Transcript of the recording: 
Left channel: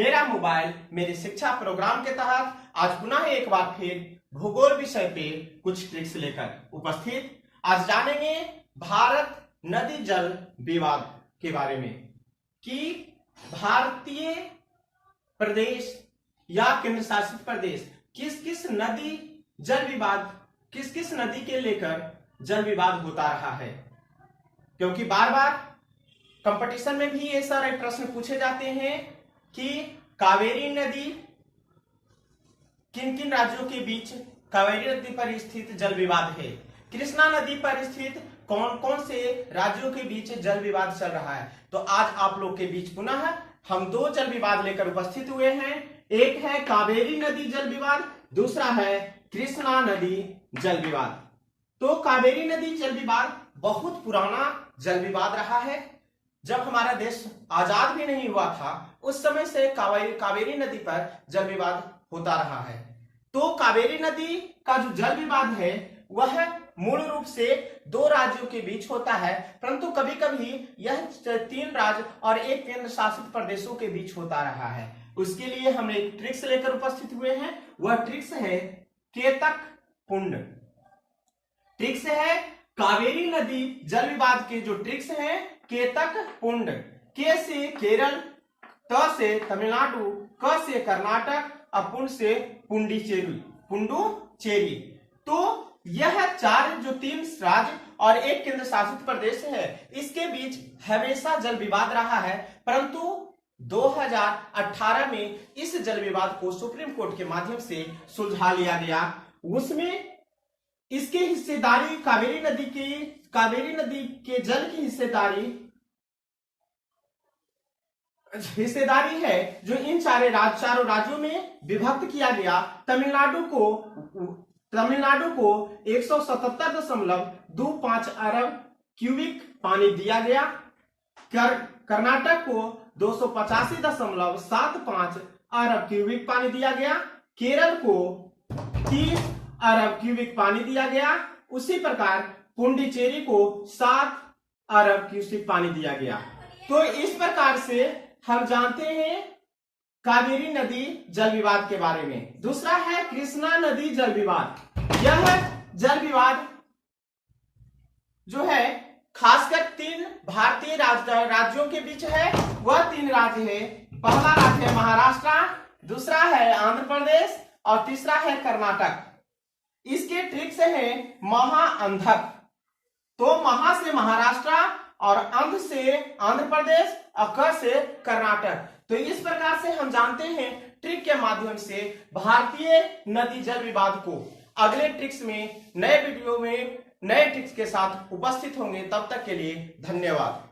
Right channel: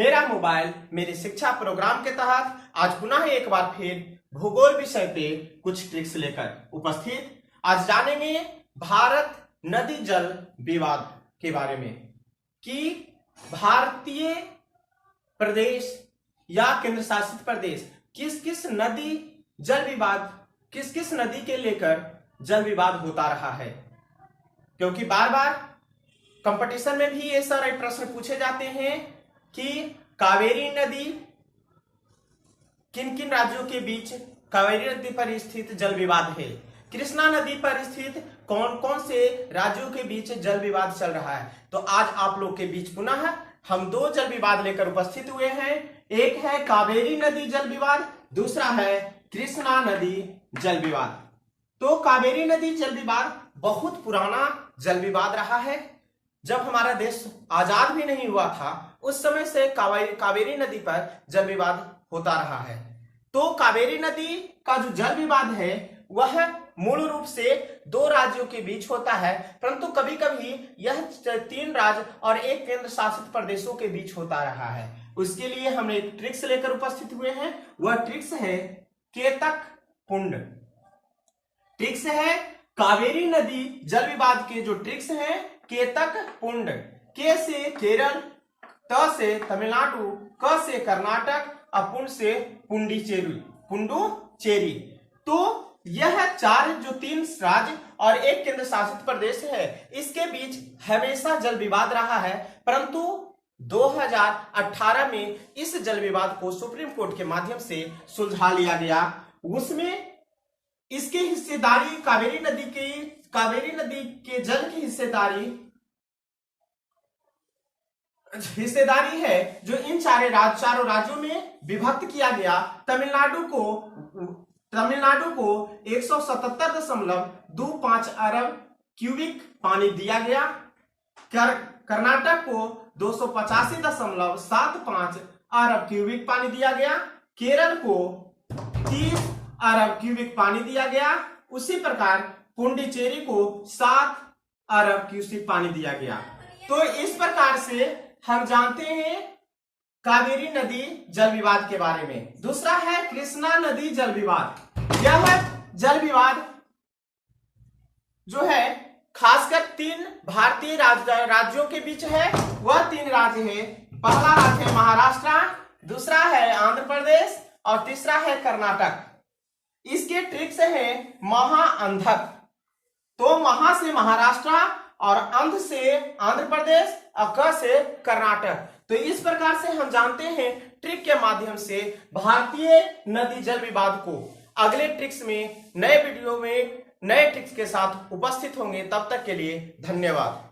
मेरा मोबाइल मेरी शिक्षा प्रोग्राम के तहत आज पुनः एक बार फिर भूगोल विषय पे कुछ ट्रिक्स लेकर उपस्थित। आज जानेंगे भारत नदी जल विवाद के बारे में कि भारतीय प्रदेश या केंद्र शासित प्रदेश किस किस नदी जल विवाद किस किस नदी के लेकर जल विवाद होता रहा है, क्योंकि बार बार कंपटीशन में भी ये सारे प्रश्न पूछे जाते हैं कि कावेरी नदी किन किन राज्यों के बीच कावेरी नदी पर स्थित जल विवाद है, कृष्णा नदी पर स्थित कौन कौन से राज्यों के बीच जल विवाद चल रहा है। तो आज आप लोग के बीच पुनः हम दो जल विवाद लेकर उपस्थित हुए हैं। एक है कावेरी नदी जल विवाद, दूसरा है कृष्णा नदी जल विवाद। तो कावेरी नदी जल विवाद बहुत पुराना जल विवाद रहा है। जब हमारा देश आजाद भी नहीं हुआ था उस समय से कावेरी नदी पर जल विवाद होता रहा है। तो कावेरी नदी का जो जल विवाद है वह मूल रूप से दो राज्यों के बीच होता है, परंतु कभी कभी यह 3 राज्य और एक केंद्र शासित प्रदेशों के बीच होता रहा है। उसके लिए हम एक ट्रिक्स लेकर उपस्थित हुए हैं। वह ट्रिक्स है केतक पुंड। ट्रिक्स है कावेरी नदी जल विवाद के जो ट्रिक्स है केतक पुंड। के से केरल, त से तमिलनाडु, क से कर्नाटक और पुंड से पुंडुचेरी। तो यह 3 राज्य और एक केंद्र शासित प्रदेश है, इसके बीच हमेशा जल विवाद रहा है, परंतु 2018 में इस जल विवाद को सुप्रीम कोर्ट के माध्यम से सुलझा लिया गया। उसमें इसकी हिस्सेदारी कावेरी नदी के जल की हिस्सेदारी है जो इन चारों राज्यों में विभक्त किया गया। तमिलनाडु को 177.25 अरब क्यूबिक पानी दिया गया। कर्नाटक को 285.75 अरब क्यूबिक पानी दिया गया। केरल को 30 अरब क्यूबिक पानी दिया गया। उसी प्रकार पुंडुचेरी को 7 अरब क्यूबिक पानी दिया गया। तो इस प्रकार से हम जानते हैं कावेरी नदी जल विवाद के बारे में। दूसरा है कृष्णा नदी जल विवाद। यह जल विवाद जो है खासकर 3 भारतीय राज्यों के बीच है। वह 3 राज्य है, पहला राज्य है महाराष्ट्र, दूसरा है आंध्र प्रदेश और तीसरा है कर्नाटक। इसके ट्रिक्स है महाअंधक। तो महा से महाराष्ट्र और अंध से आंध्र प्रदेश और क से कर्नाटक। तो इस प्रकार से हम जानते हैं ट्रिक के माध्यम से भारतीय नदी जल विवाद को। अगले ट्रिक्स में नए वीडियो में नए ट्रिक्स के साथ उपस्थित होंगे। तब तक के लिए धन्यवाद।